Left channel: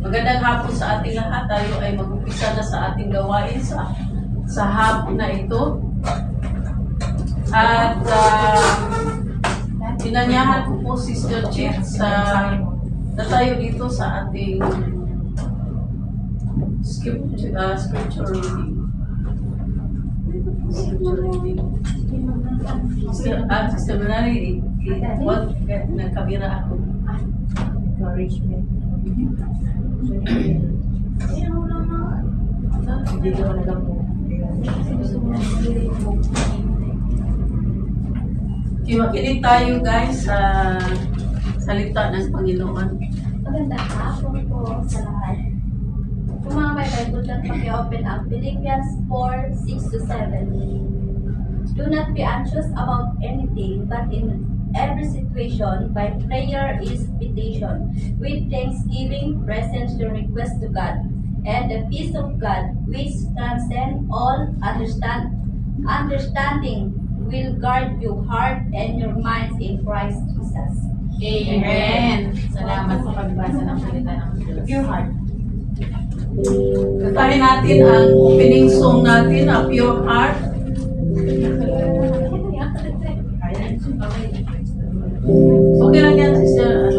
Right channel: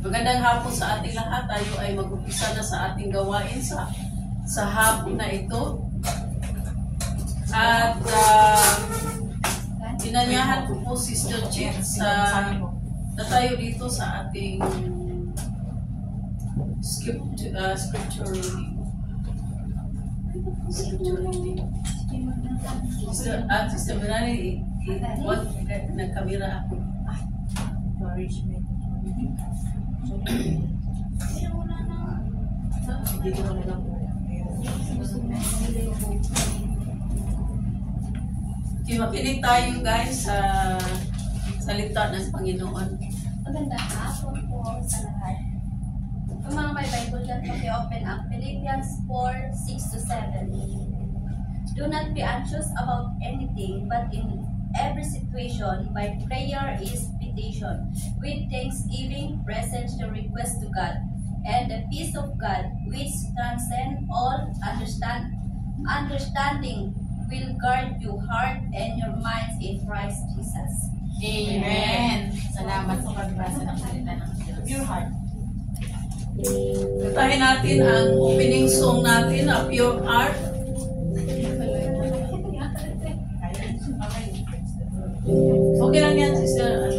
Magandang hapon sa ating lahat. Tayo ay mag-umpisa na sa ating gawain sa hapon na ito. At inanyahan ko po Sister Chief na tayo dito sa ating scripture reading. Sister Melanie, nagkamera ako. Encouragement. Hindi ko na lang po. Makinig tayo guys sa salita ng Panginoon. Magandang hapon po sa lahat. Kung mga may Bible dyan, paki-open ang Philippians 4:6-7. Do not be anxious about anything, but in every situation, by prayer is petition, with thanksgiving, present your request to God, and the peace of God, which transcends all understanding, will guard your heart and your minds in Christ Jesus. Amen. Salamat sa pagbasa ng salita ng Diyos. Pure heart. Kantahin natin ang opening song natin, a Pure Heart. Okay lang yan, Sister.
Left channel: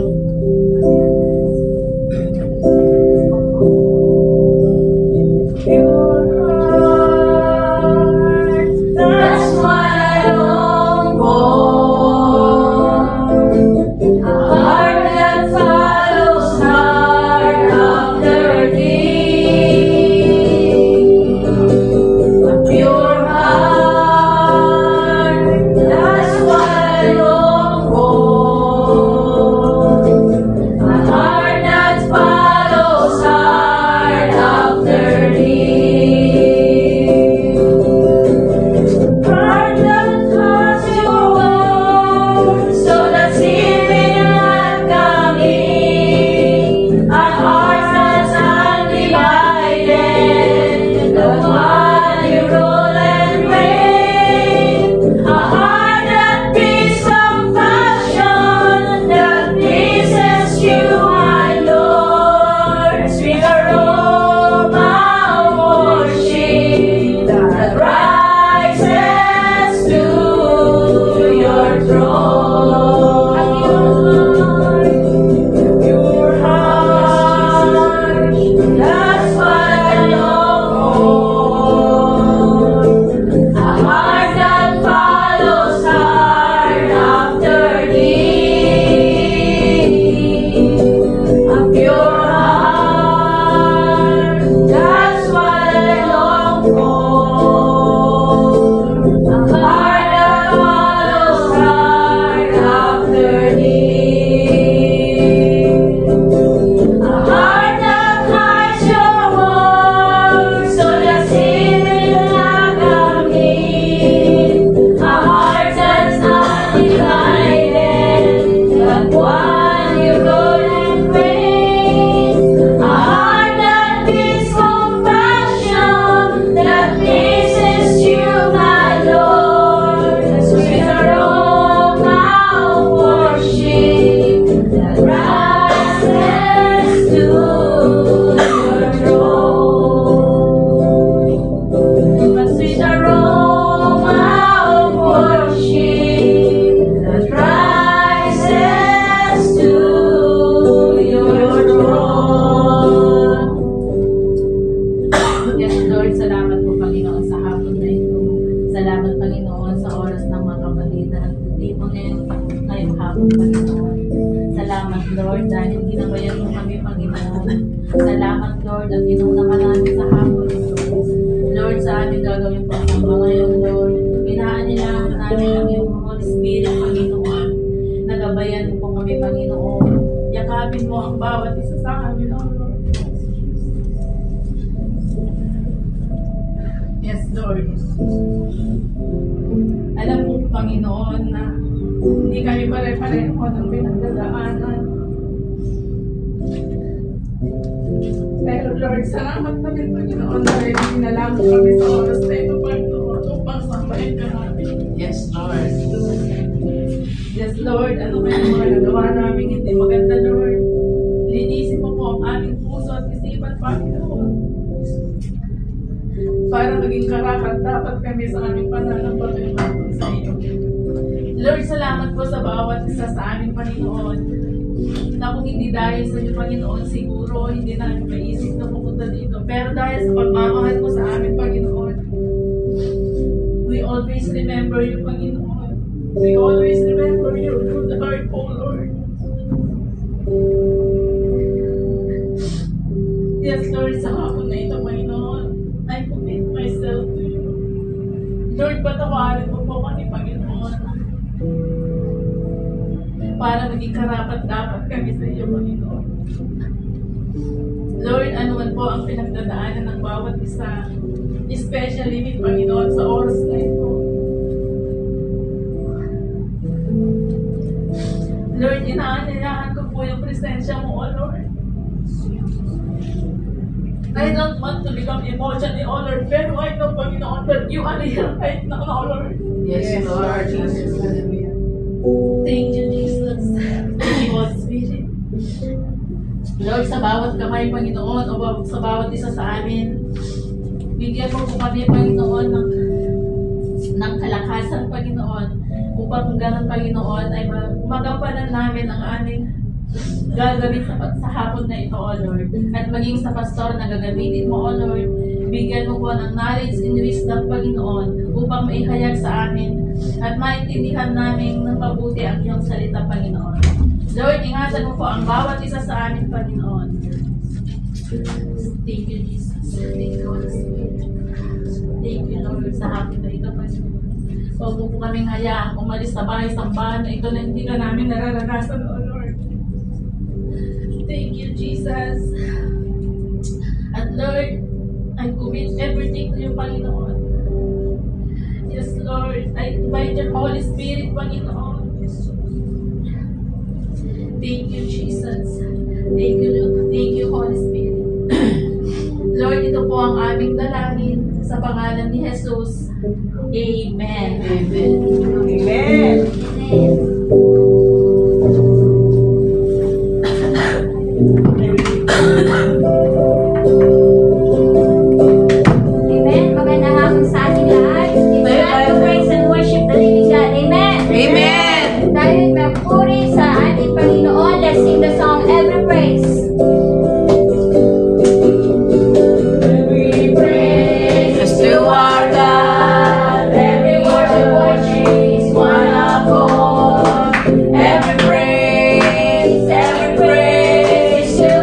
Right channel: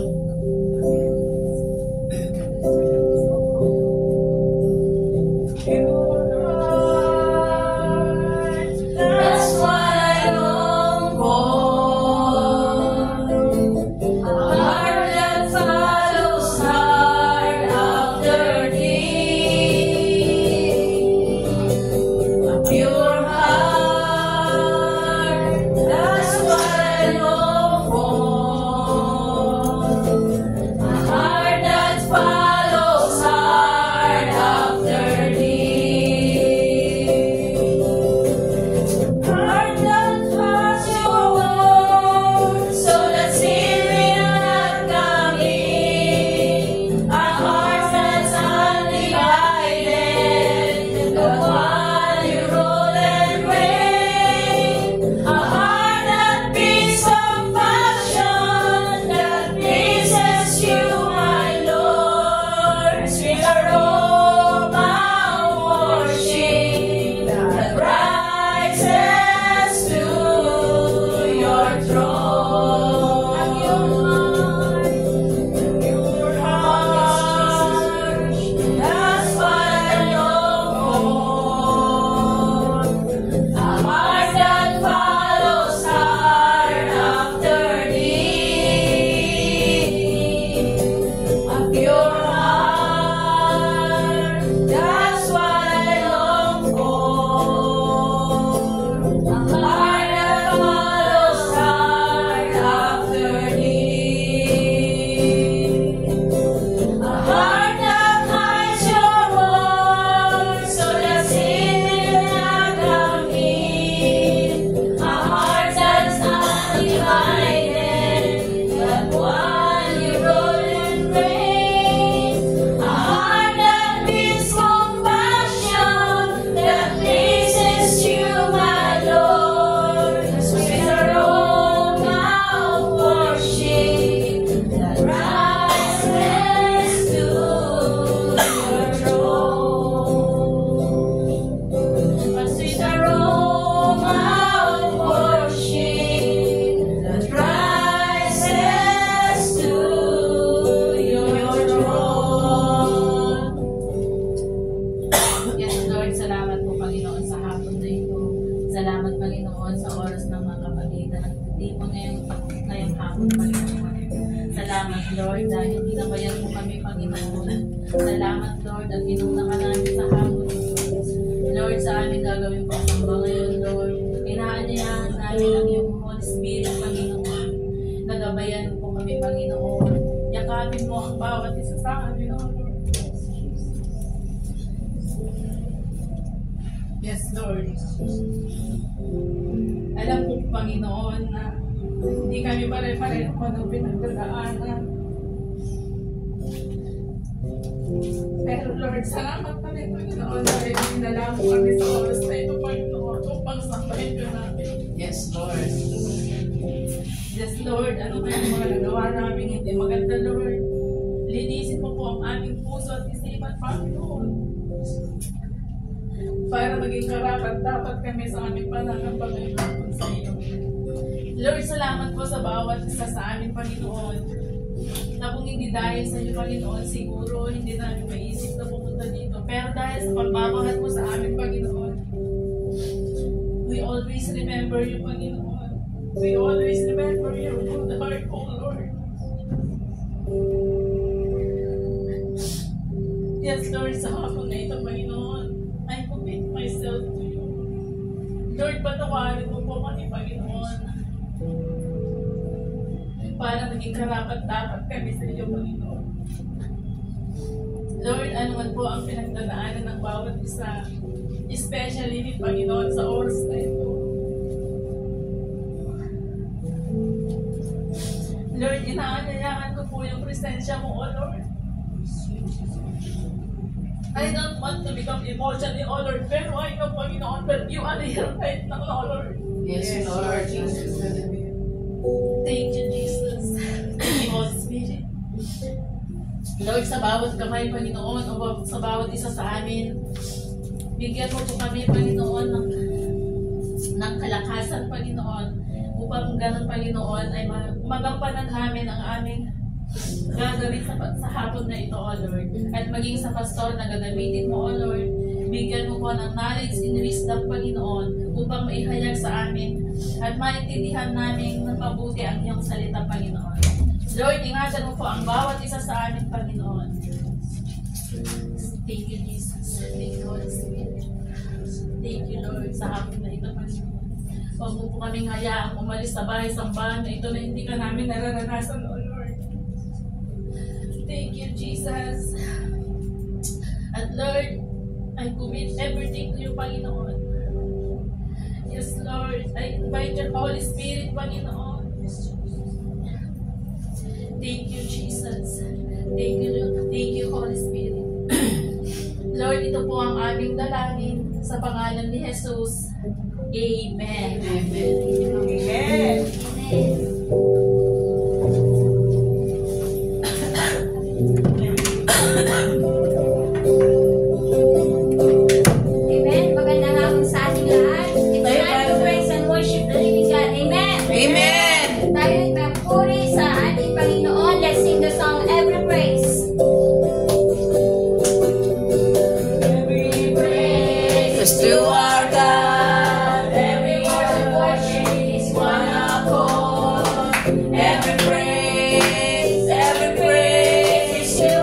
Salamat, Lord, dahil ginabayan mo kami, Panginoon. Salamat, Lord, at inuna ka namin sa hapon ito. Lord, sa amin gagawin po ang ngayon, Lord. Inaanyayahan namin ang iyong Holy Spirit, Panginoon. Nagabayan po kami, Panginoon. Yakapin mo ang bawat isa sa amin, Lord. Yes, Lord. Alam po, Panginoon, na hindi kami pare-pareho ng pinagdadaanan. Pero Lord, salamat pa rin, Panginoon, dahil dinala mo kami sa oras na ito, Panginoon, upang sambahin ka namin. Yes, Lord. Yes, Lord, ano kaya mga nagawa namin hindi maganda, Lord? Linisin mo po ang aming puso at para maging karapat-dapat kami sa aming pananampalataya sa iyo. Lord, salamat po sa bawat isa sa amin, Panginoon, na kung hindi dahil sa iyo, Panginoon, siguro hindi namin maisip na pupunta dito. Pero dahil sa pagmamahal mo sa amin, Panginoon, we always remember you, Panginoon. We always remember your good heart, O Lord. Yes, Lord, sa hapon na ito, Panginoon, I commit myself to you. Lord, patawarin mo po kami, Panginoon, para maging karapat-dapat kami sa iyo, Panginoon. Lord, ano man po ang pinagdadaanan ng bawat isa, especially ni Panginoon sa oras na ito. Lord, inaanyayahan ko po yung presensya mo, O Lord. I don't want to become emotional, O Lord, pero I know, Panginoon, that you are here right now, O Lord. Yes, Lord. Jesus. Thank you, Jesus. Thank you, Holy Spirit. Lord, sa bawat kamay, Panginoon, o sa bawat isa sa amin, bigyan mo po kami, Panginoon, ng kalakasan, Panginoon, upang ganun, Panginoon, ay magampanan namin ang aming gagawin sa hapon na ito, O Lord. At maging sa pastor na gagamitin mo, O Lord, bigyan mo po ng knowledge and wisdom, Panginoon, upang maihayag sa amin at maintindihan namin ng mabuti ang iyong salita, Panginoon. Lord, ingatan mo po ang bawat isa sa amin, Panginoon. Thank you, Jesus. Thank you, Holy Spirit. Thank you, Lord, sa hapon na ito, Panginoon. Huwag mo po kaming hayaang umalis sa bahay-sambahan na ito na hindi ka namin nararanasan, O Lord. Thank you, Jesus. At Lord, I commit everything to you, Panginoon. Yes, Lord, I invite your Holy Spirit, Panginoon. Thank you, Jesus. Thank you, Lord. Thank you, Holy Spirit. Lord, ito po ang aming dalangin sa pangalan ni Jesus. Amen. Amen. Amen. Amen. Magandang hapon sa ating lahat. It's time to praise and worship the living God. Amen. Amen. Tayo'y magpuri sa ating Panginoon. Let's sing the song, Every Praise. Every praise to our God. Every worship is one accord. Every praise to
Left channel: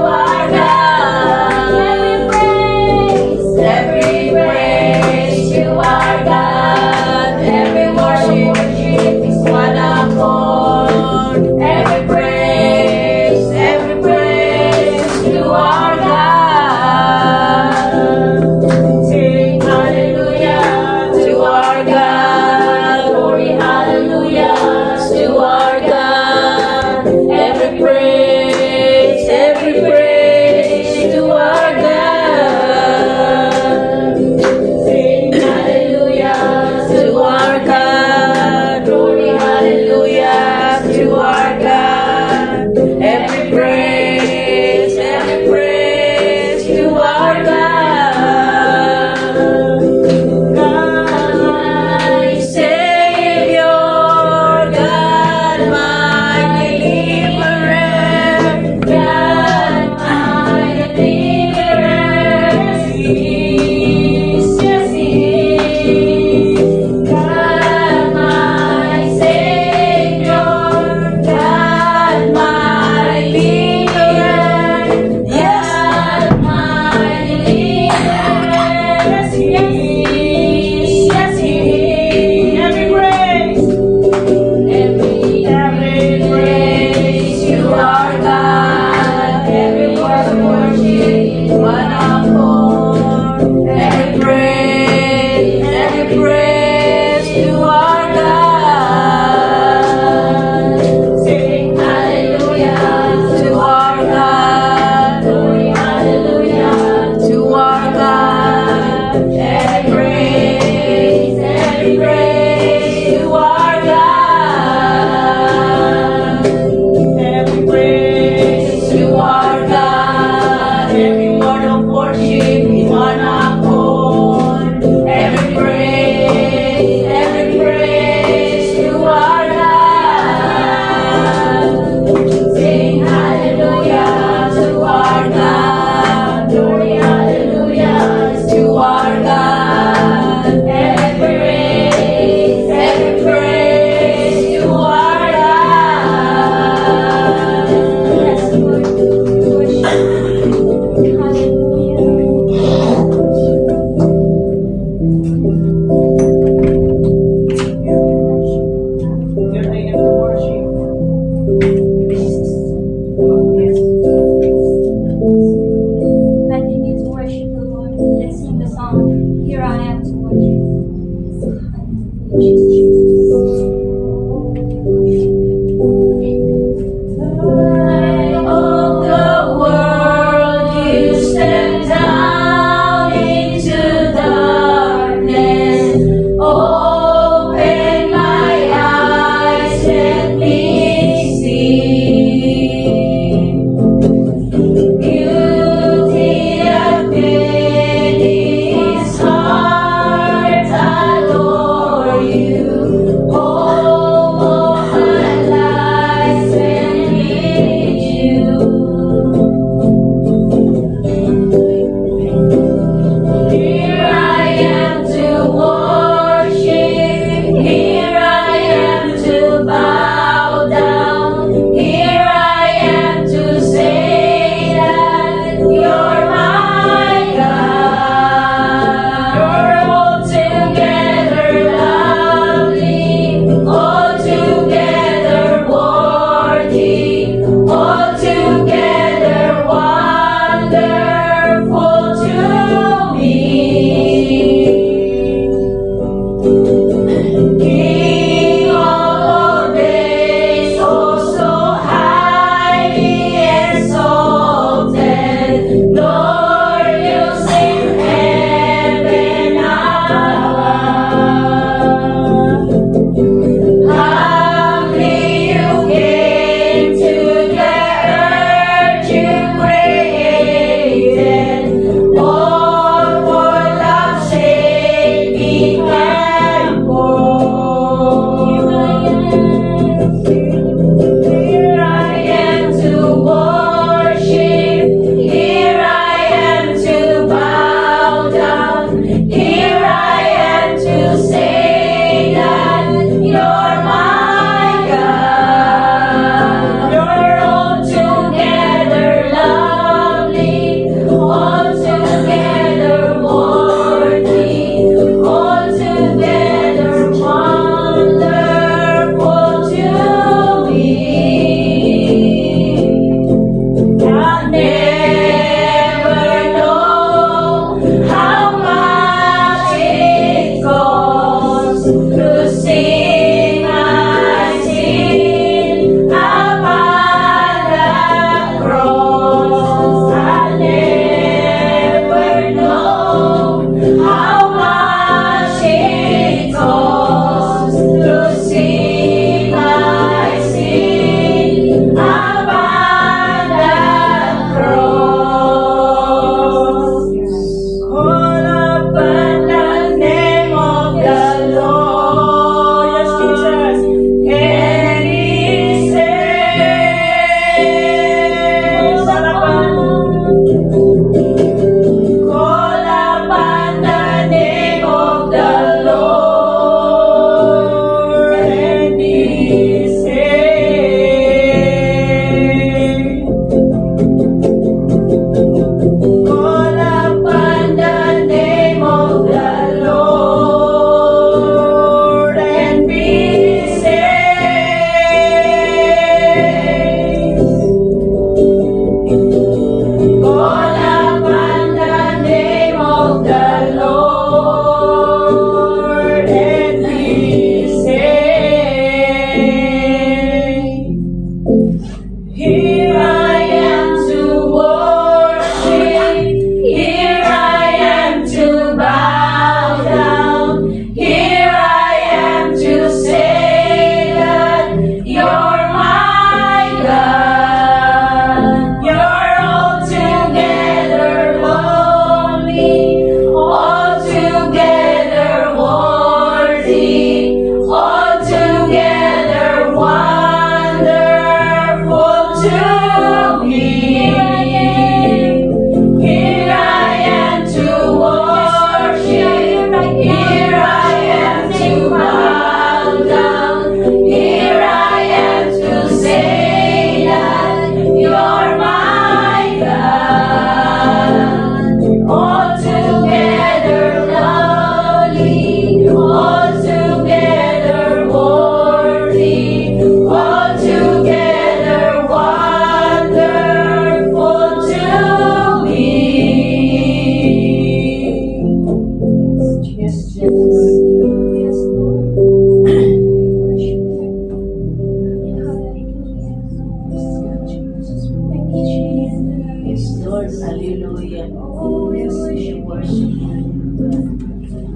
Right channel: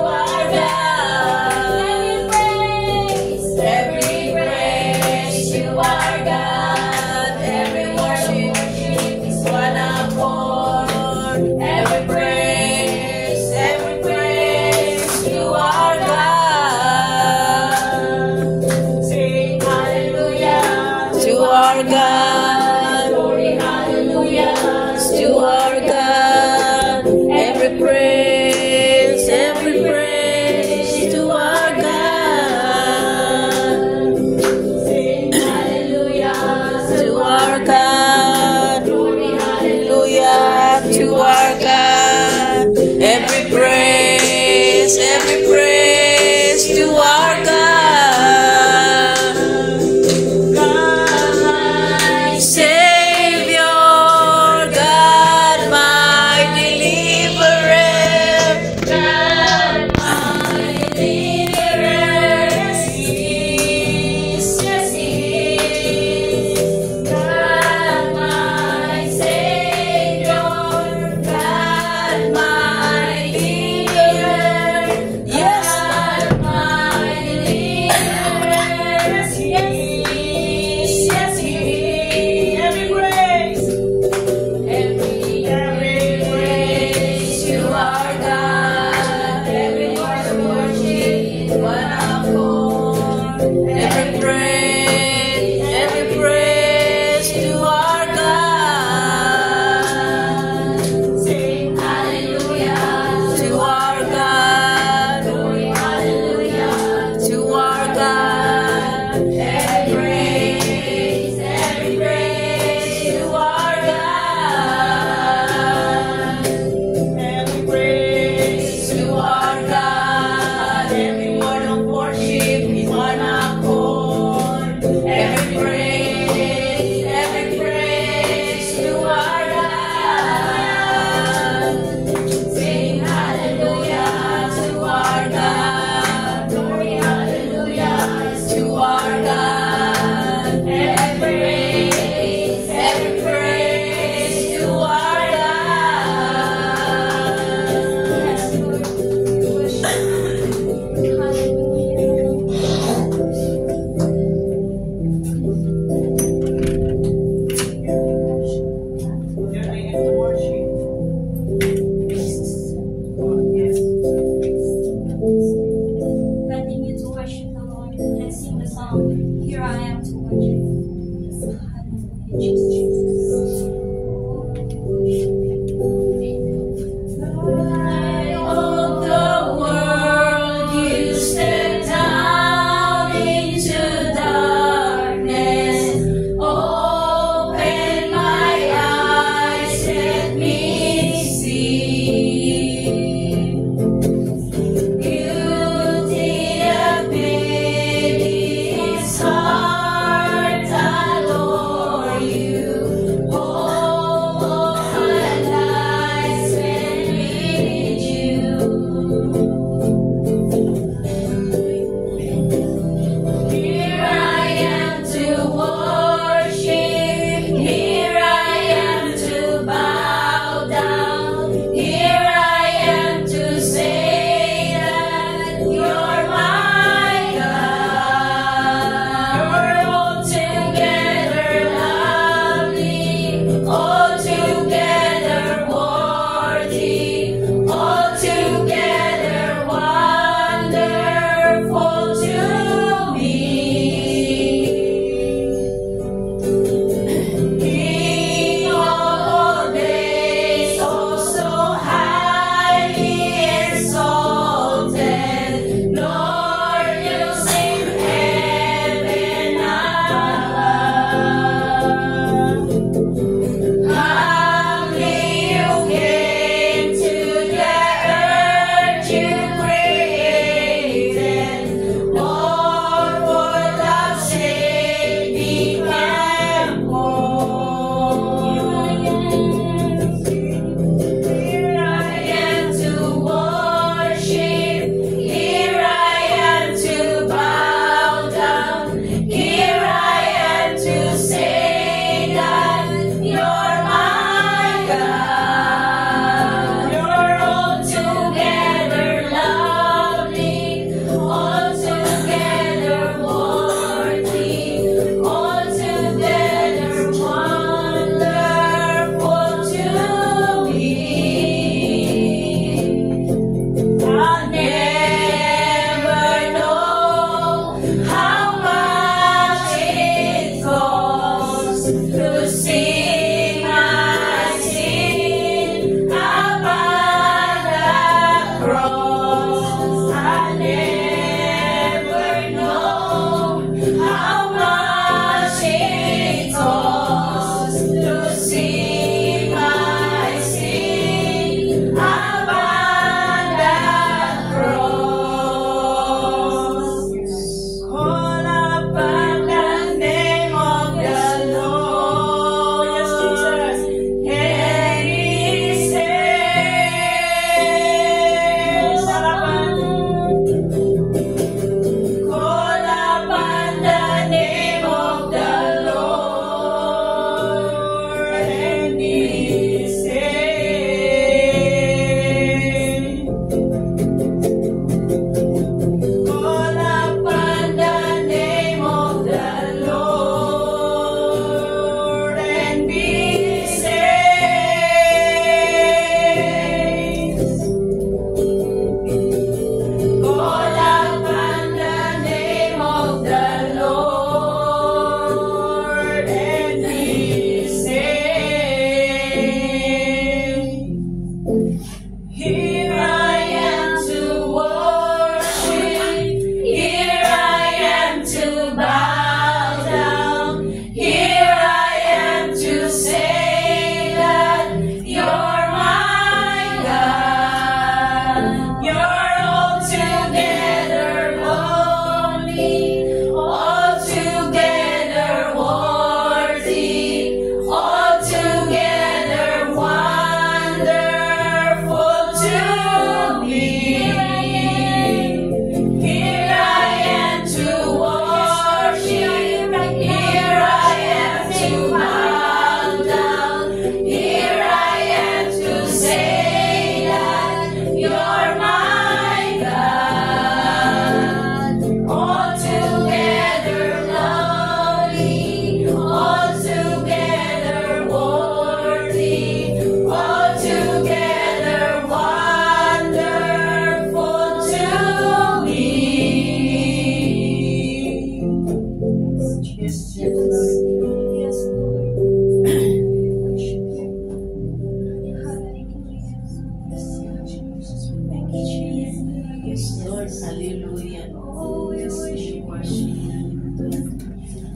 Lord, hallelujah. Oh, we Yes, we worship you, God.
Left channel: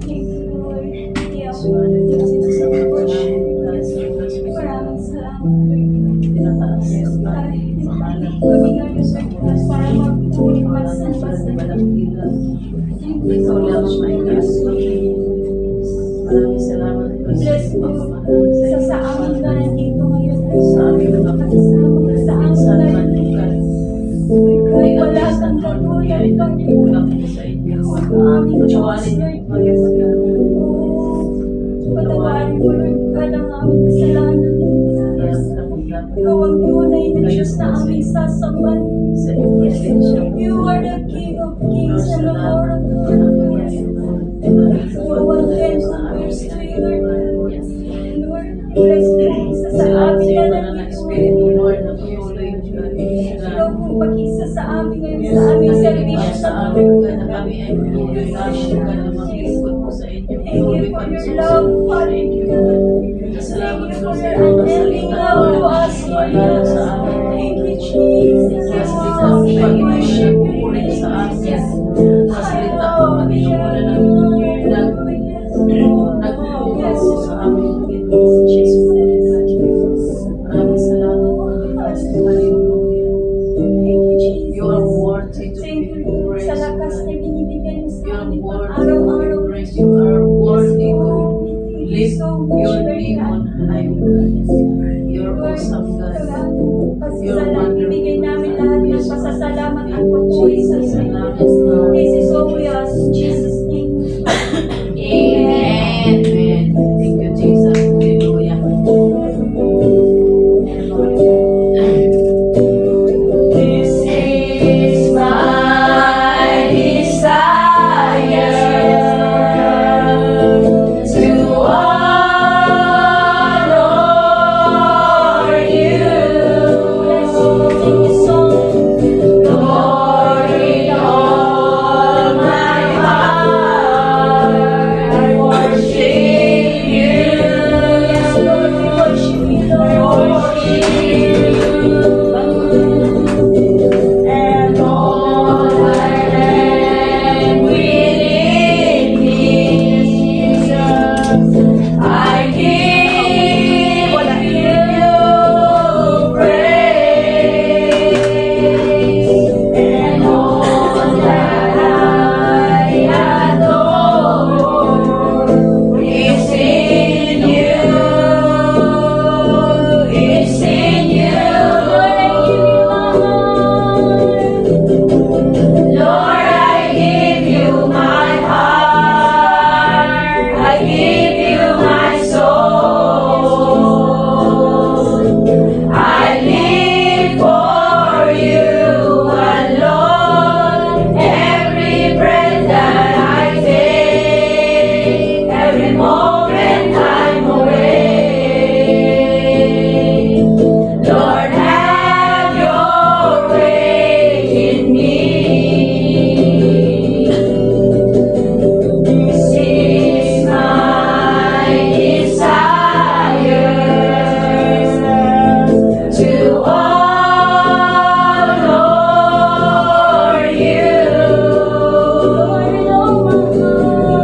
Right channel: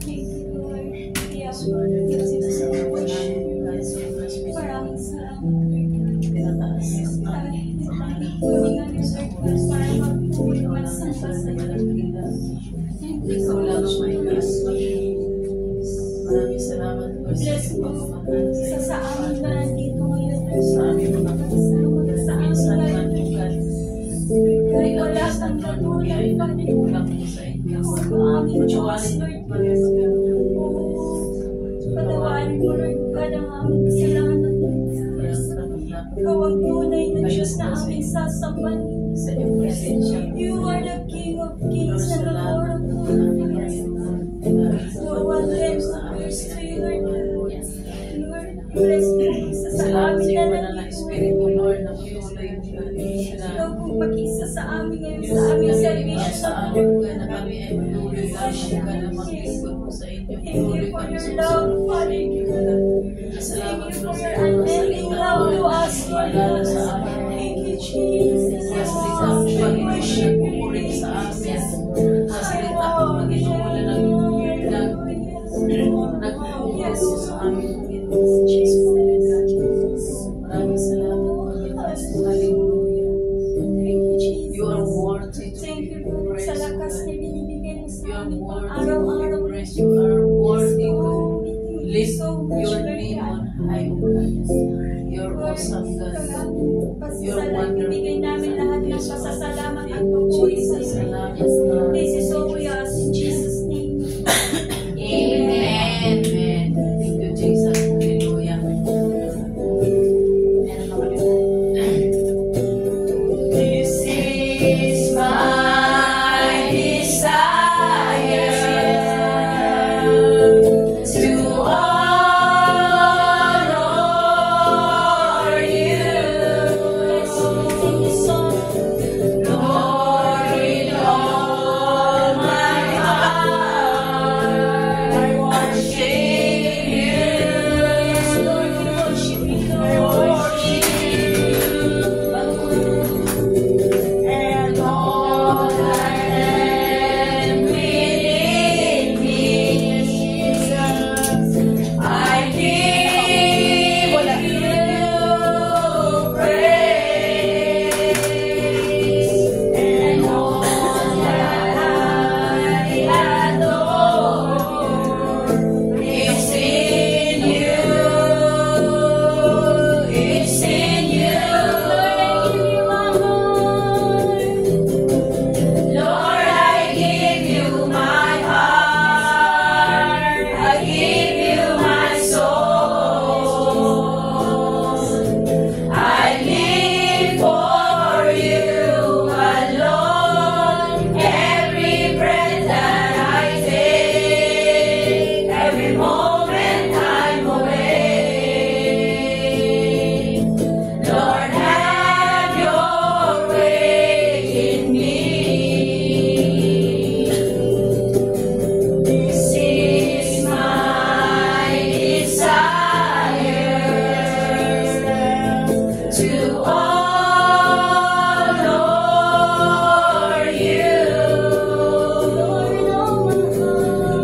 Thank you, Lord. Yes, Lord, sinasama ka namin, God, sa first week. Maraming salamat, Lord. Tinataas ang ating pangalan. Kami ngayon, Lord, para magpuri, magsamba sa iyo. Ikaw lang ang may kaso. Maraming salamat po sa Bless iyong mo. pagmamahal Isa sa amin ka nandito ngayon, Lord. sa aming mga At puso. sa Minsan amin, man, Lord. God, Kahit wala kang Lord, kami katulad, ay Lord. nagkukulang po sa inyo. Ang aming Diyos, Patawarin Lord. niyo po kami sa ganun. Patawarin mo, Lord, ka ng aming kasalanan. Kaya karamdaman Ikaw ang tunay na Diyos na aming sasambahin. sa iyong presensya. You are the King of Kings and the Lord of Lords. No one can compare to you, Lord. Lord, bless me isa sa Salamat sa amin iyo, na Banal na nandito. Espiritu, Lord, na patuloy Ikaw po mag-isa sa amin ngayon Yes, sa aming kami servisyo. sa amin, God, na kami ay patuloy God, na maglingkod po sa inyo. Thank you Patuloy for kami your sa love, usunod. Father. Thank you, God. Salamat po sa iyo, mga salita, Lord, paalala sa amin. Thank you, Jesus. Mga salita po, Panginoon, na nagpupulit sa amin. Mga salita po, Panginoon, na nagpupulit po sa amin, Panginoon. Maraming salamat po. Hallelujah. Thank you, Jesus. You are worthy to Thank be you, Lord, praised. sa lakas na binibigay mo sa You are amin worthy to araw-araw. be praised. You are worthy to Thank you lift so much, your Lord name God. on high, O God. You're awesome, God. You're Ibigay namin lahat ng wonderful. pasasalamat at pagpuri sa iyo. Salamat, Lord. This is all we ask in Jesus' name. Amen. Amen. Thank you, Jesus. Hallelujah. This is my desire to honor you, Lord, with all my heart. I worship you. And all that am within me, Jesus, I give you praise. And all that I adore is in you. It's in you. Lord, I give you my heart. I give you my soul. I live for you alone. Every breath that I take, every moment I'm away. Lord, have your way in me. This is my desire to honor you,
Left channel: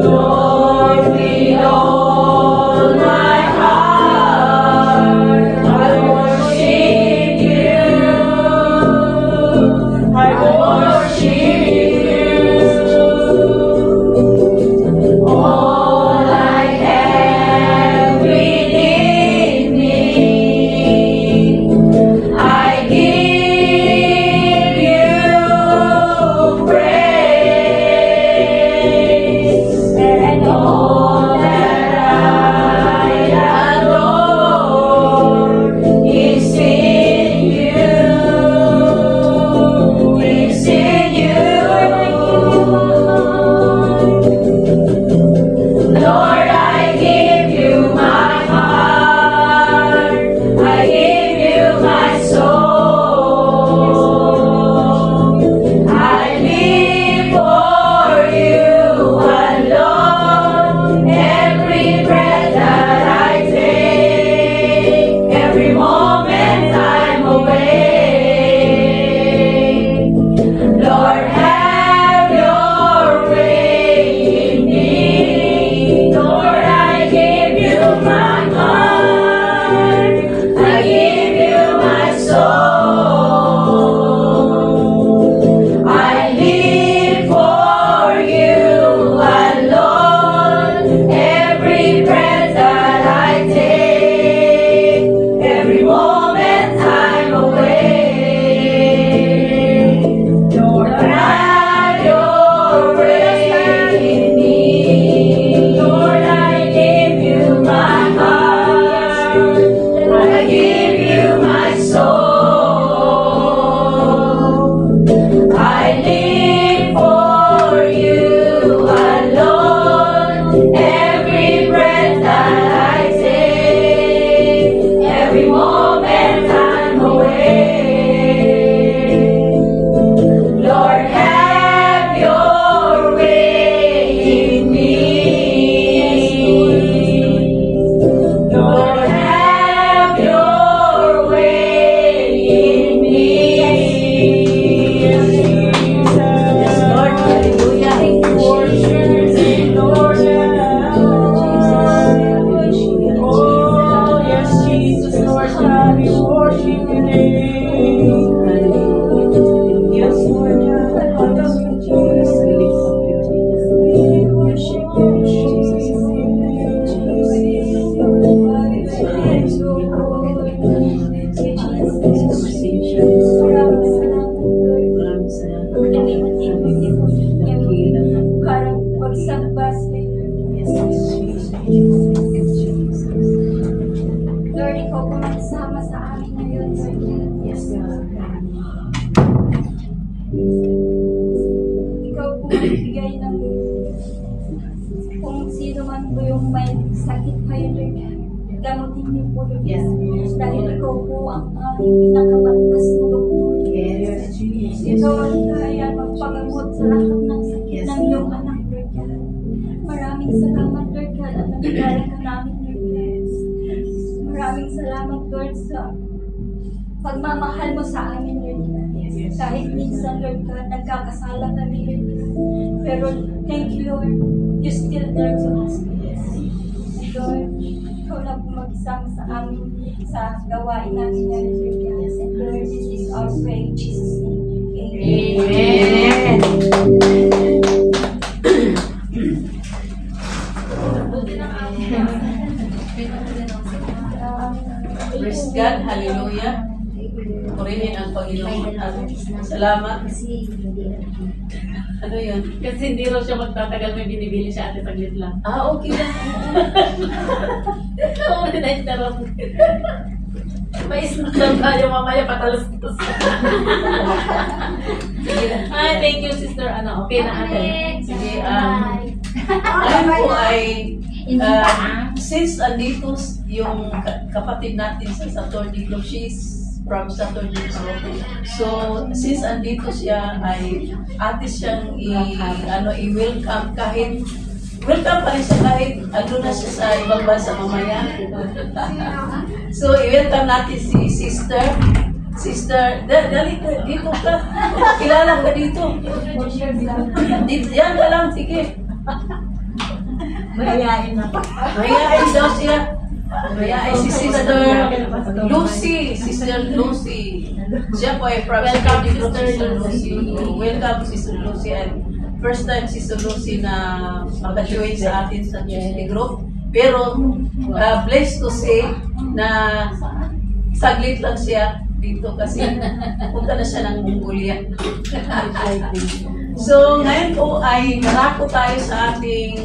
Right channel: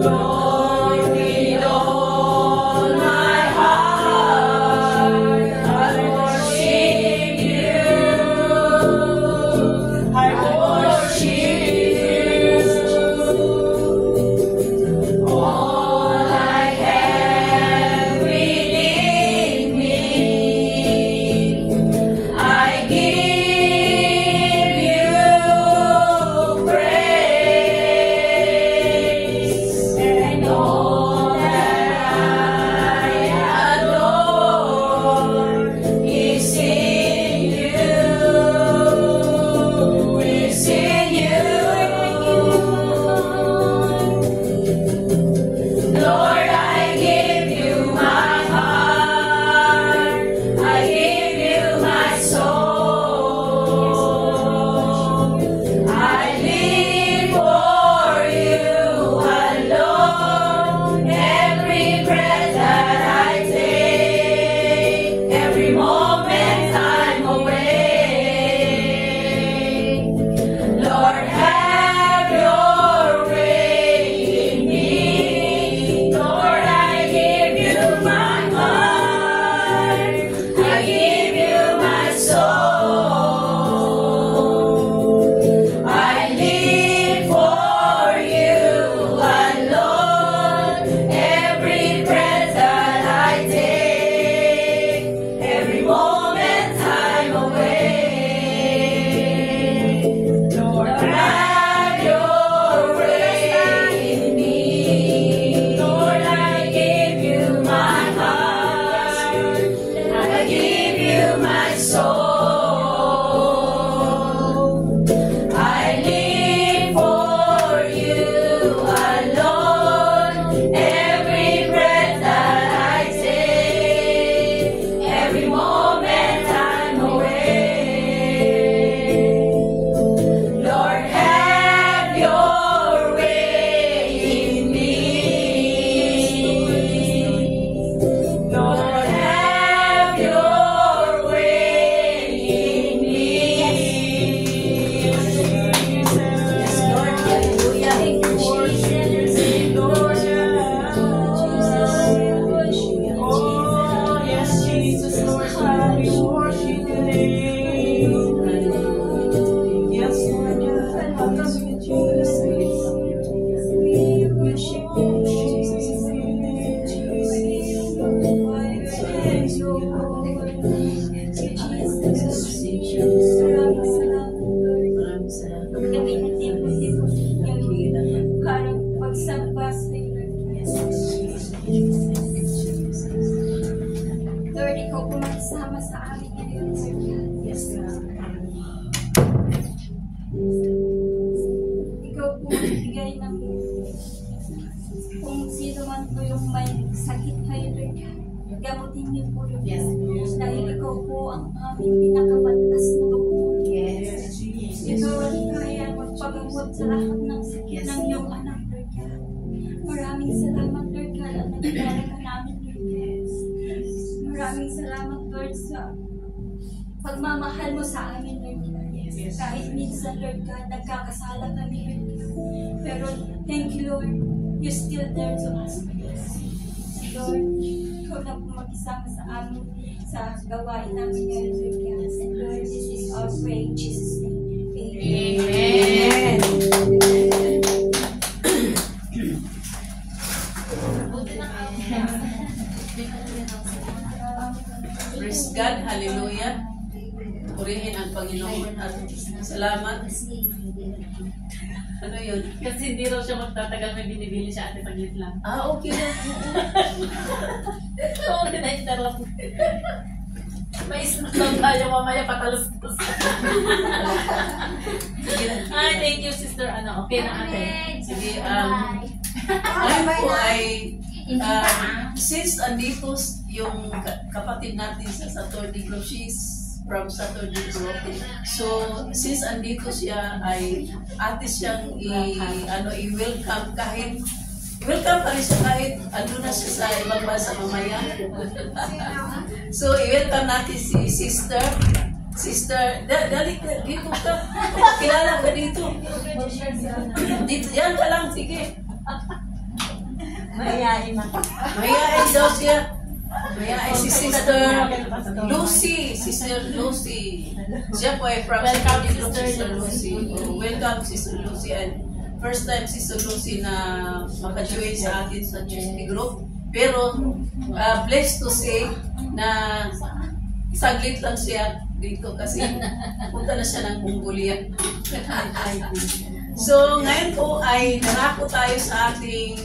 Lord, with all my heart. I worship you. I worship you. All I have within me, I give you praise. And all that I adore is in you. Is in sakit ngayon, Lord God. Gamutin niyo po, Lord God. Dahil ikaw po ang aming pinakamataas na doktor. Yes. Ikaw ang kaya magpagamot sa lahat ng sakit ng iyong anak, Lord God. Maraming salamat, Lord God, at nagdala ka namin, Lord God. Maraming salamat, Lord, sa pagmamahal mo sa amin, Lord God. Kahit minsan, Lord God, nagkakasala kami, Lord God. Pero thank you, Lord. You still there to us. Lord, ikaw na po mag-isama sa amin sa gawain namin ngayon, Lord God. And Lord, this is our prayer in Jesus' name. Amen. Praise God, hallelujah. Purihin ang Panginoon at salamat. Ano yun? Kasi hindi raw siya magtatagal, may binibili siya ate taglit lang. Okay lang. Oo, rin lang. May snack lang tayo mamaya patalos-tos. Ay, thank you sister. Ano, okay na ate. Sige, ano po ay since andito yung kapatid natin sa Saturday Group, she's from Saturday Group. So, since andito siya ay ate siyang i-welcome kahit welcome pa rin siya kahit ando na siya sa ibang bansa mamaya. So, i-welcome natin si Sister. Sister, dali dito ka. Kilala ka dito. Dito, yan ka lang, sige. Mayayain na. Mayayain daw siya. Mayayain si Sister Lucy. Sister Lucy. Siya po ay from Sister Lucy. Welcome, Sister Lucy. And first time Sister Lucy na maka-join sa atin sa Tuesday Group. Pero blessed to say na saglit lang siya dito kasi punta na siya ng Mongolia. So ngayon po ay narako tayo sa ating,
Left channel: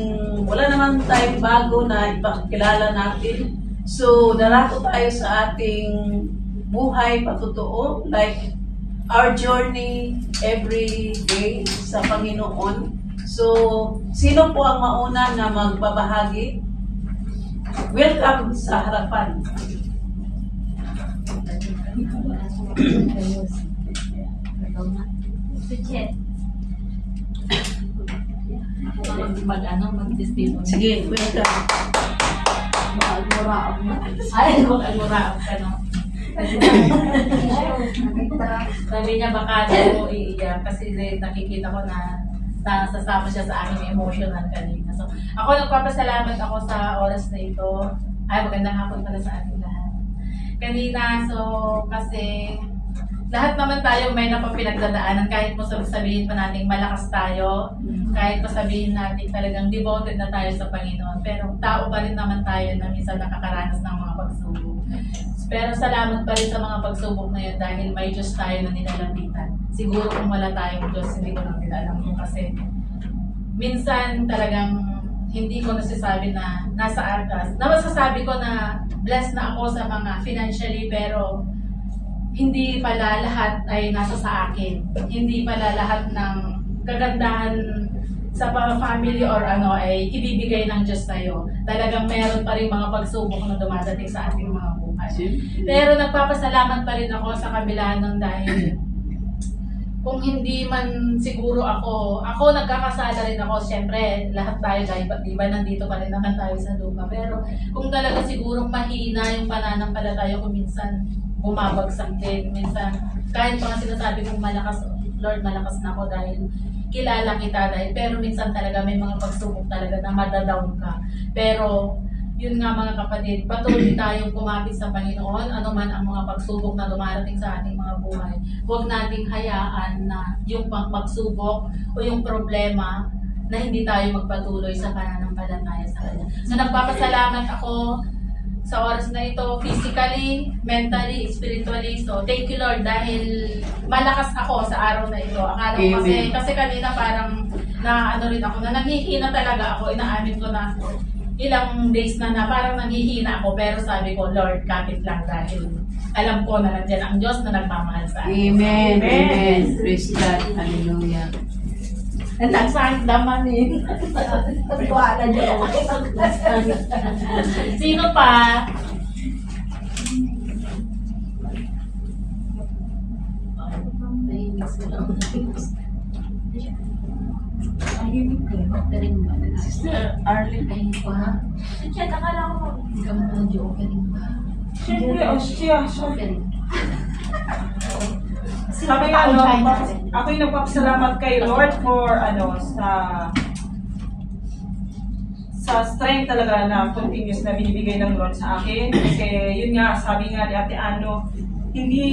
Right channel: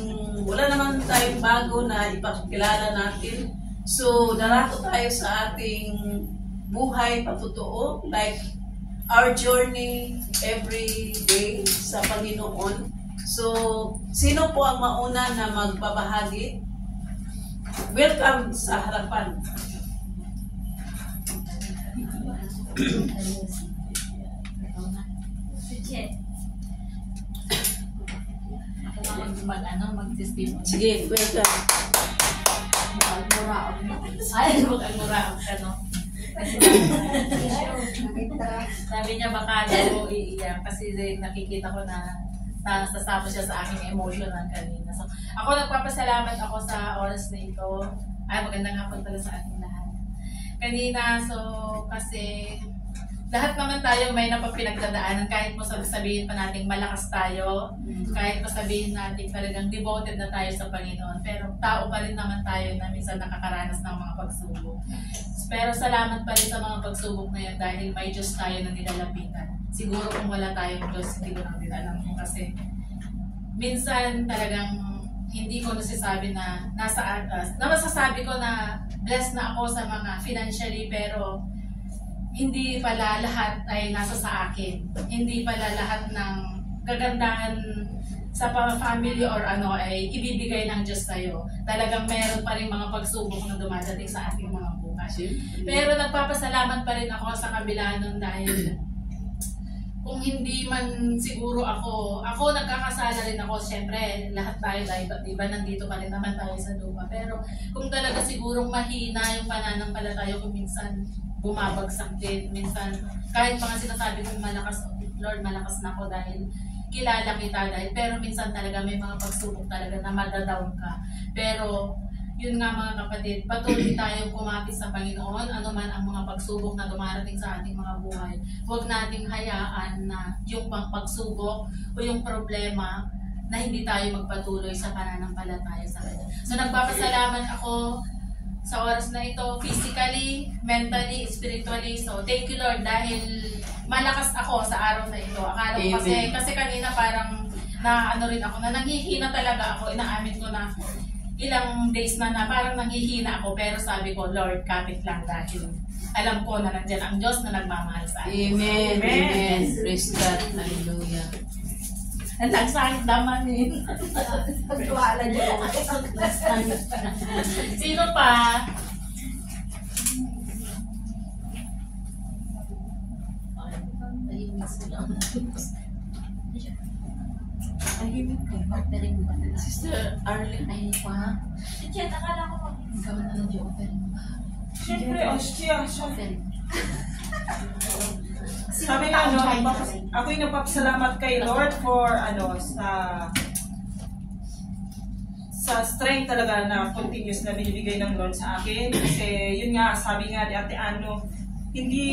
wala naman tayong bago na ipakilala natin. So narako tayo sa ating buhay patotoo, like our journey every day sa Panginoon. So sino po ang mauna na magbabahagi? Welcome sa harapan. Mag-testimony. Sige, welcome. Mag-almuraap na. Ay, mag-almuraap ka, no? Sabi niya baka daw iiyak kasi nakikita ko na nasasama siya sa aking emotional kanina. So, ako nagpapasalamat ako sa oras na ito. Ay, magandang hapon pala sa ating lahat. Kanina, so, kasi lahat naman tayo may napapinagdadaanan kahit mo sabihin pa natin malakas tayo, kahit mo sabihin natin talagang devoted na tayo sa Panginoon, pero tao pa rin naman tayo na minsan nakakaranas ng mga pagsubok. Pero salamat pa rin sa mga pagsubok na yun dahil may Diyos tayo na nilalapitan. Siguro kung wala tayong Diyos, hindi ko nang alam mo kasi minsan talagang hindi ko nasasabi na nasa atas. Masasabi ko na blessed na ako sa mga financially, pero hindi pala lahat ay nasa sa akin. Hindi pala lahat ng kagandahan sa family or ano ay ibibigay ng Diyos sa'yo. Talagang meron pa rin mga pagsubok na dumadating sa ating mga buhay. Pero nagpapasalamat pa rin ako sa kabila nun dahil kung hindi man siguro ako nagkakasala rin ako. Siyempre, lahat tayo, diba nandito pa rin naman tayo sa lupa. Pero kung talaga sigurong mahina yung pananampalataya ko, minsan bumabagsak din. Minsan, kahit pa nga sinasabi kong malakas, Lord, malakas na ako dahil kilala kita pero minsan talaga may mga pagsubok talaga na madadown ka. Pero yun nga mga kapatid, patuloy tayong kumapit sa Panginoon, ano man ang mga pagsubok na dumarating sa ating mga buhay. Huwag nating hayaan na yung pagsubok o yung problema na hindi tayo magpatuloy sa pananampalataya sa Kanya. So nagpapasalamat ako sa oras na ito, physically, mentally, spiritually. So, thank you Lord dahil malakas ako sa araw na ito. Akala ko kasi kanina parang na ano rin ako, na nanghihina talaga ako. Inaamin ko na ilang days na parang nanghihina ako. Pero sabi ko, Lord, kapit lang dahil alam ko na nandiyan ang Diyos na nagmamahal sa akin. Amen. Amen. Praise God. Hallelujah. Ang nagsakit naman eh. Pagkuhaan niyo. Sino pa? Sister Arlene, ay pa ha? Chet, akala ko Ikaw na lang yung offering ba? Siyempre, siya. Offering. Sabi nga, ako'y nagpapasalamat kay Lord for, sa strength talaga na continuous na binibigay ng Lord sa akin. Kasi yun nga, sabi nga ni Ate Ano, hindi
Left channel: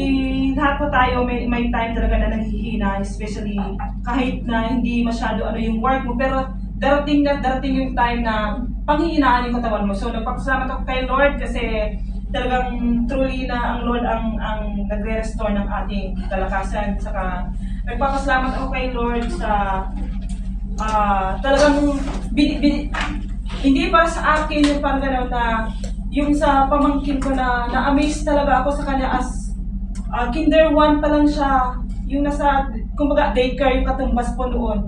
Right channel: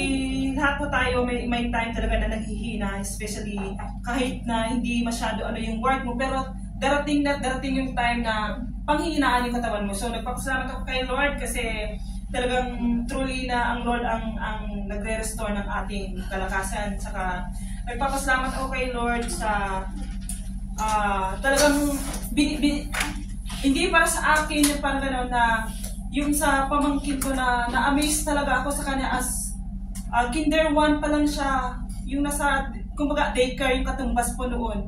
lahat po tayo may time talaga na naghihina, especially kahit na hindi masyado yung work mo, pero darating yung time na panghihinaan yung katawan mo. So nagpapasalamat ako kay Lord kasi talagang truly na ang Lord ang nagre-restore ng ating kalakasan. Saka nagpapasalamat ako kay Lord sa talagang hindi para sa akin yung parang gano'n na yung sa pamangkin ko na na-amaze talaga ako sa kanya as kinder 1 pa lang siya, yung nasa, kumbaga daycare yung katumbas po noon.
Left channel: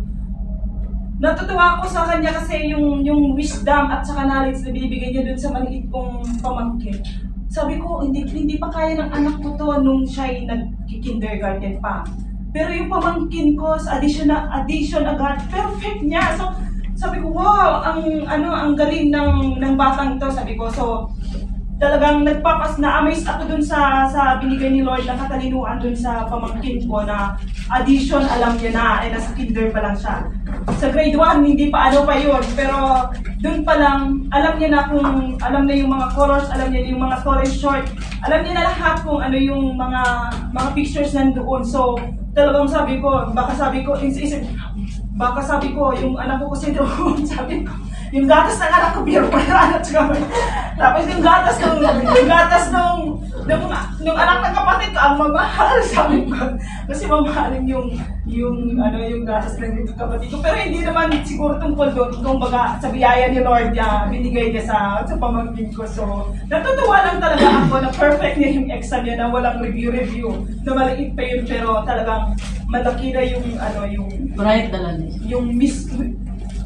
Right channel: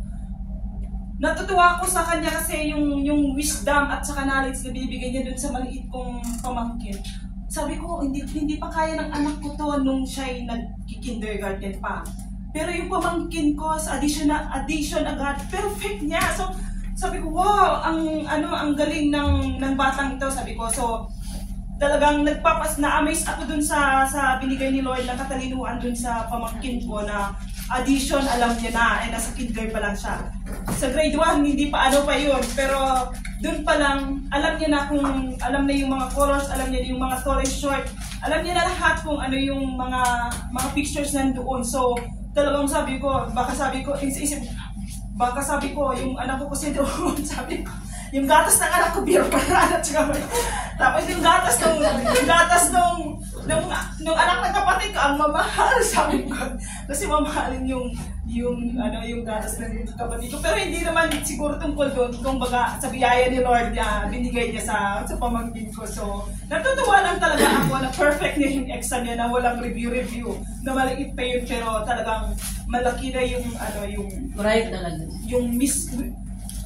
Natutuwa ako sa kanya kasi yung wisdom at saka knowledge na binibigay niya dun sa maliit kong pamangkin. Sabi ko, hindi pa kaya ng anak ko to nung siya'y nag-kindergarten pa. Pero yung pamangkin ko sa addition agad, perfect niya. So, sabi ko, wow, ang galing ng batang to, sabi ko. So, talagang na-amaze ako dun sa binigay ni Lord na katalinuan dun sa pamangkin ko na addition, alam niya na, nasa kinder pa lang siya. Sa grade 1, hindi pa pa yun, pero dun pa lang, alam niya na yung mga colors, alam niya na yung mga tall and short, alam niya na lahat kung ano yung mga pictures nandoon. So, talagang sabi ko, baka sabi ko, yung anak ko kasi doon, sabi ko, yung gatas ng anak ko, biro pa na tapos yung gatas nung anak ng kapatid ko, ang mamahal, sabi ko. Kasi mamahalin yung gatas ng kapatid ko. Pero hindi naman siguro tungkol doon, kumbaga sa biyaya ni Lord binigay niya sa pamangkin ko. So, natutuwa lang talaga ako na perfect niya yung exam niya na walang review, na maliit pa yun, pero talagang malaki na yung Bright talaga.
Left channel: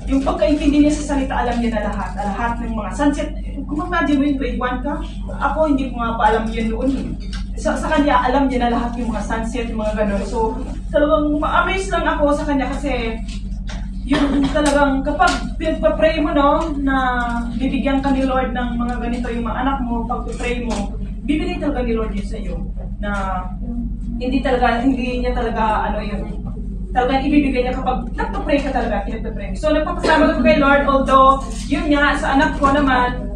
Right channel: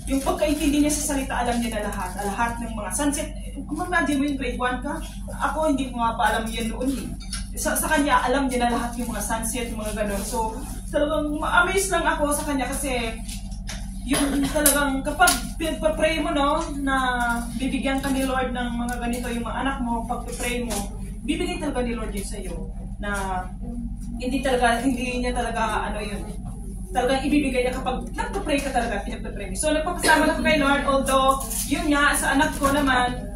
Yung pagkaintindi niya sa salita, alam niya na lahat ng mga sunset. Kung imagine mo yung grade 1 ka, ako hindi ko nga pa alam yun noon eh. Sa kanya, alam niya na lahat yung mga sunset, yung mga gano'n. So, talagang ma-amaze lang ako sa kanya kasi yung talagang kapag pray mo na bibigyan ka ni Lord ng mga ganito yung mga anak mo, pag pray mo, bibigay talaga ni Lord yun sa iyo. Na hindi niya talaga talagang ibibigay niya kapag nagpa-pray ka talaga, pinagpa-pray. So, nagpapasalamat ako kay Lord, although, yun nga, sa anak ko naman,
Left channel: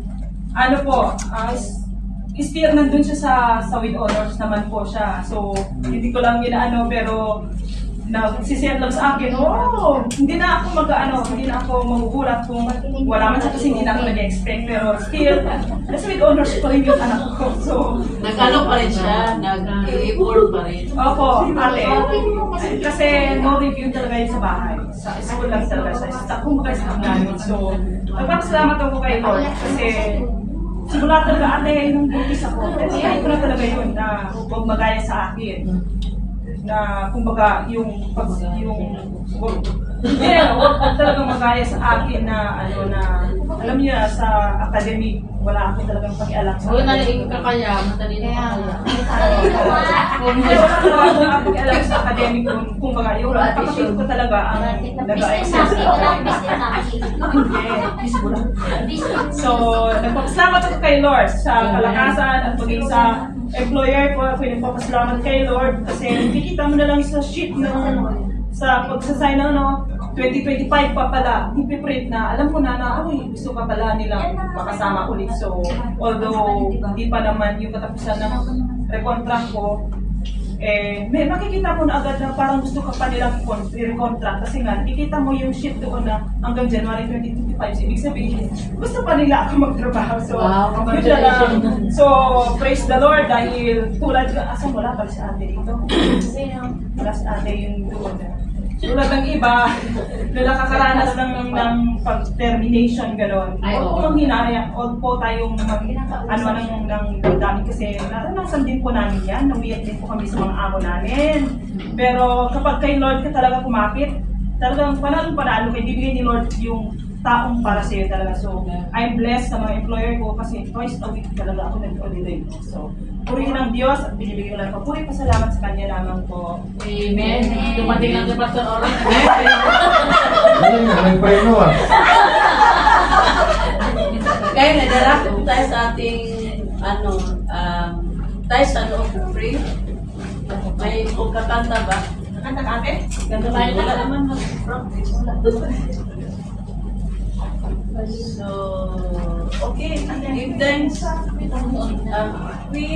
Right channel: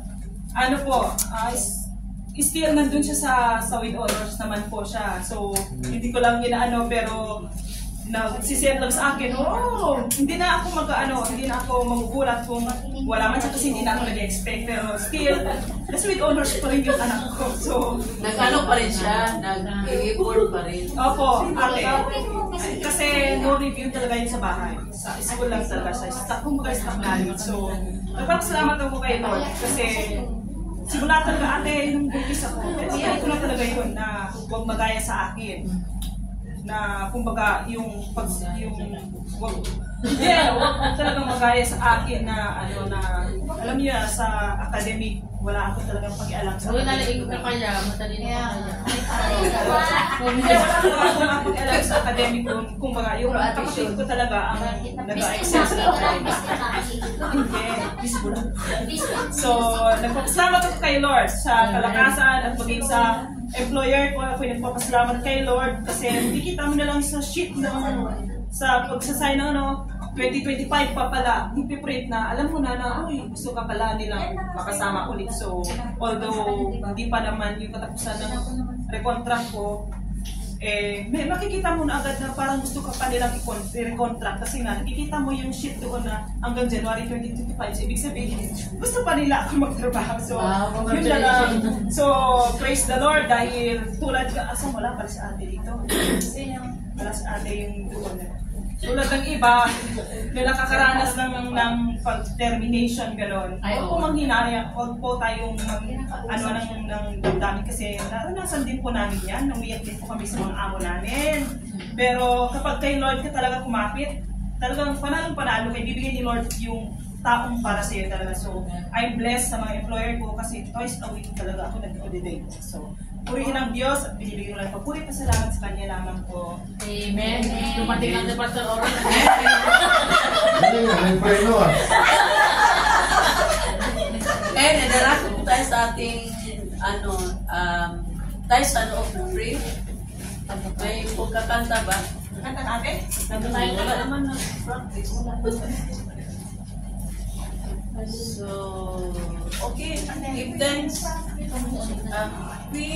still nandun siya sa with honors naman po siya. So, hindi ko lang pero nagsisend lang sa akin, hindi na ako magugulat kung wala man siya kasi hindi na ako nag-expect. Pero still, nasa with honors pa rin yung anak ko. So, nag-ano pa rin siya, nag-i-effort pa rin. Opo, ate. Kasi no review talaga yun sa bahay. Sa school lang talaga siya. Kung staff namin. So, nagpapasalamat ako kay Lord kasi simula talaga ate yung buntis ako. Kaya ko na talaga yun na huwag magaya sa akin. Na kumbaga wag talagang magaya sa akin na alam niyo sa academic wala ako talagang pakialam sa Nalaing ka kaya, matalino ka kaya. Wala ako pakialam sa academic kumbaga yung kapatid ko talaga ang nag-excel sa So, nagpapasalamat ako kay Lord sa kalakasan at maging sa employer ko. Ako nagpapasalamat kay Lord kasi nakikita mo na lang sa sheet sa pagsasign 2025 pa pala, ipiprint na, alam ko na gusto ka pala nilang makasama ulit. So, although hindi pa naman yung katapusan ng recontract ko, may makikita mo na agad na parang gusto ka pa nilang i-recontract kasi nga, nakikita mo yung sheet doon na hanggang January 2025. So, ibig sabihin, gusto pa nila ako magtrabaho. So, so praise the Lord dahil tulad ka, wala pala si ate dito? Wala si ate yung doon. Tulad ng iba na nakakaranas ng pag-termination gano'n. Huwag po manghinaya, huwag po tayong ng dami kasi naranasan din po namin yan. Numiyak din po kami sa mga amo namin. Pero kapag kay Lord ka talaga kumapit, talagang panalo kay bibigyan ni Lord yung taong para sa iyo talaga. So, I'm blessed sa mga employer ko kasi twice a week talaga ako nag-holiday ko. So, purihin ang Diyos at binibigyan ko lang papuri pasalamat sa Kanya lamang po. Amen. Dumating ang Pastor Oran. Ano yun? Nag-pray mo ah. Kaya nadala ko tayo sa ating tayo sa of the free. May pagkakanta ba? Nakanta ka ate? Ganto tayo na naman mag-practice. So, okay, give thanks. We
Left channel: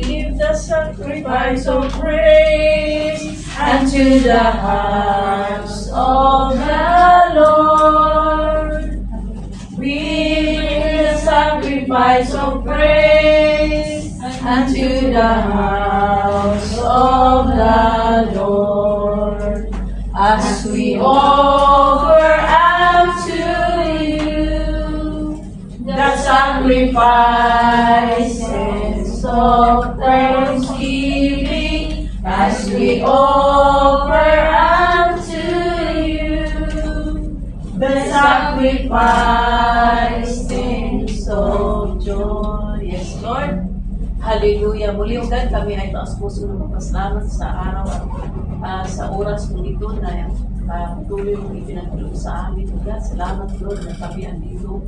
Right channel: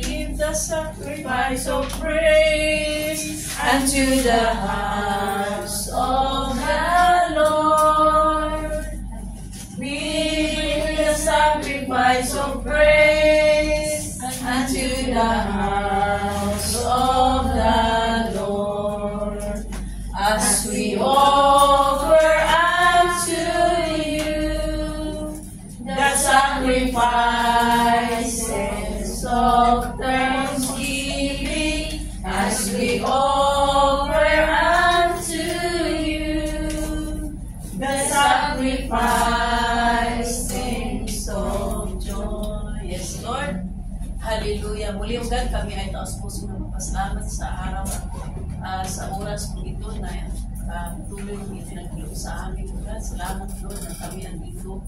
give the sacrifice of praise unto the house of the Lord. We give the sacrifice of praise unto the house of the Lord, as we offer the sacrifices of thanksgiving, as we offer unto you the sacrifices of joy. Yes, Lord. Hallelujah. Muli ugan kami ay taos puso na magpasalamat sa araw at sa oras kong ito na patuloy mong ipinagkaloob sa amin. Ugan, salamat Lord na kami andito.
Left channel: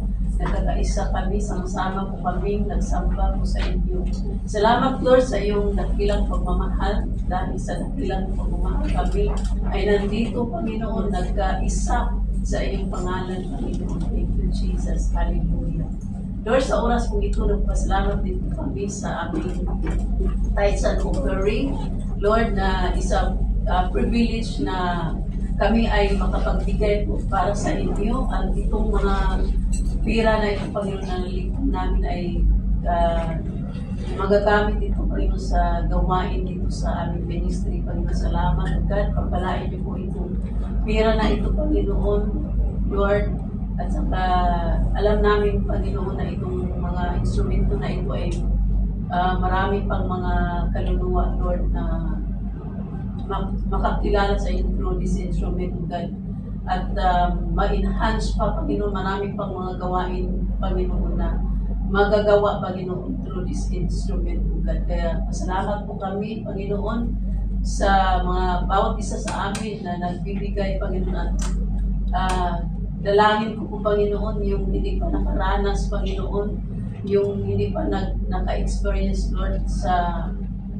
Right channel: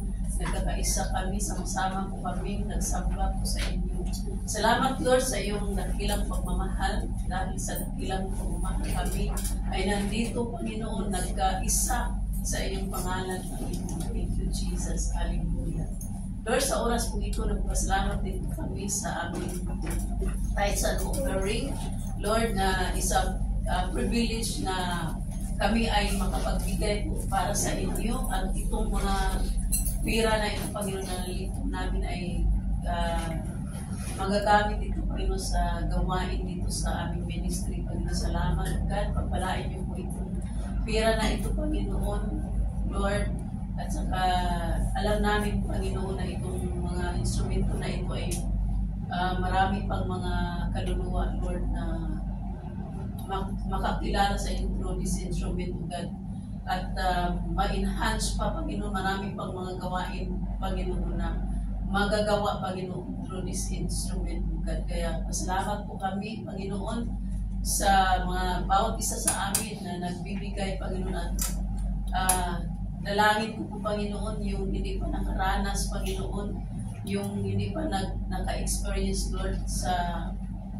Nagkakaisa kami, sama-sama po kami, nagsamba po sa inyo. Salamat Lord sa iyong dakilang pagmamahal. Dahil sa dakilang pagmamahal kami ay nandito, Panginoon, nagkaisa sa iyong pangalan, Panginoon. Thank you, Jesus. Hallelujah. Lord, sa oras pong ito, nagpasalamat din kami sa aming tithes and offering. Lord, na isang privilege na kami ay makapagbigay po para sa inyo. At itong mga pira na ito, Panginoon, na nalipon namin ay magagamit ito, Panginoon, sa gawain dito sa aming ministry. Panginoon, salamat. God, pagpalain niyo po itong pira na ito, Panginoon, Lord. At saka alam namin, Panginoon, na itong mga instrumento na ito ay marami pang mga kaluluwa, Lord, na makakilala sa iyo through this instrument, God. At ma-enhance pa, Panginoon, marami pang mga gawain, Panginoon, na magagawa, Panginoon, through this instrument, God. Kaya pasalamat po kami, Panginoon, sa mga bawat isa sa amin na nagbibigay, Panginoon, at dalangin ko po, Panginoon, yung hindi pa nakaranas, Panginoon, yung hindi pa naka-experience, Lord, sa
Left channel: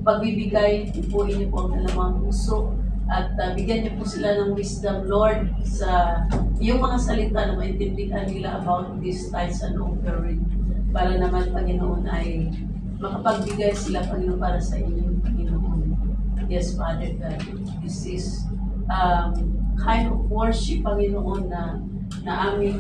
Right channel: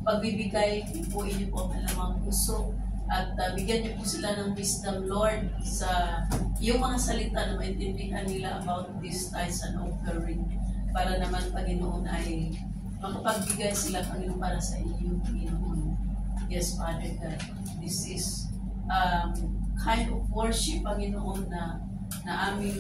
pagbibigay, ipuin niyo po ang kanilang puso. At bigyan niyo po sila ng wisdom, Lord, sa yung mga salita na maintindihan nila about this tithes and offering. Para naman, Panginoon, ay makapagbigay sila, Panginoon, para sa inyo, Panginoon. Yes, Father God. This is kind of worship, Panginoon, na aming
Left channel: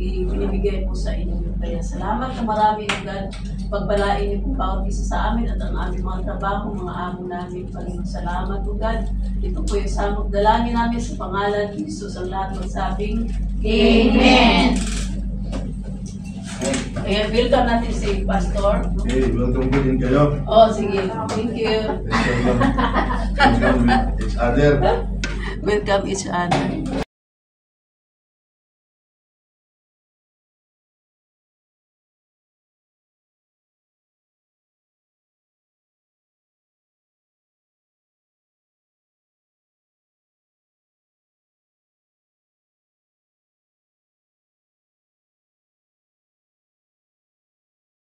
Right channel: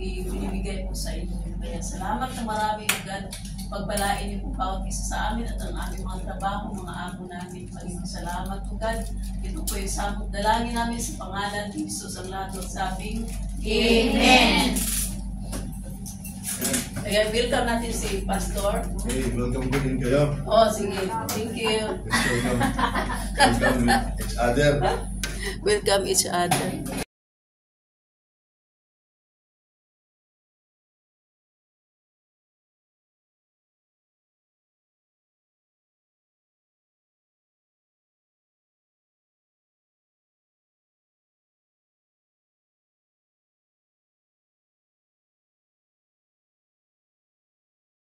ibinibigay po sa inyo. Kaya salamat na marami, God. Pagpalain niyo po bawat isa sa amin at ang aming mga trabaho, mga amo namin. Panginoon, salamat po, God. Ito po yung samot dalangin namin sa pangalan ni Jesus ang lahat magsabing Amen. Ayan, welcome natin si Pastor. Okay, welcome po din kayo. Oh, sige. Thank you. Welcome each other. Welcome each other.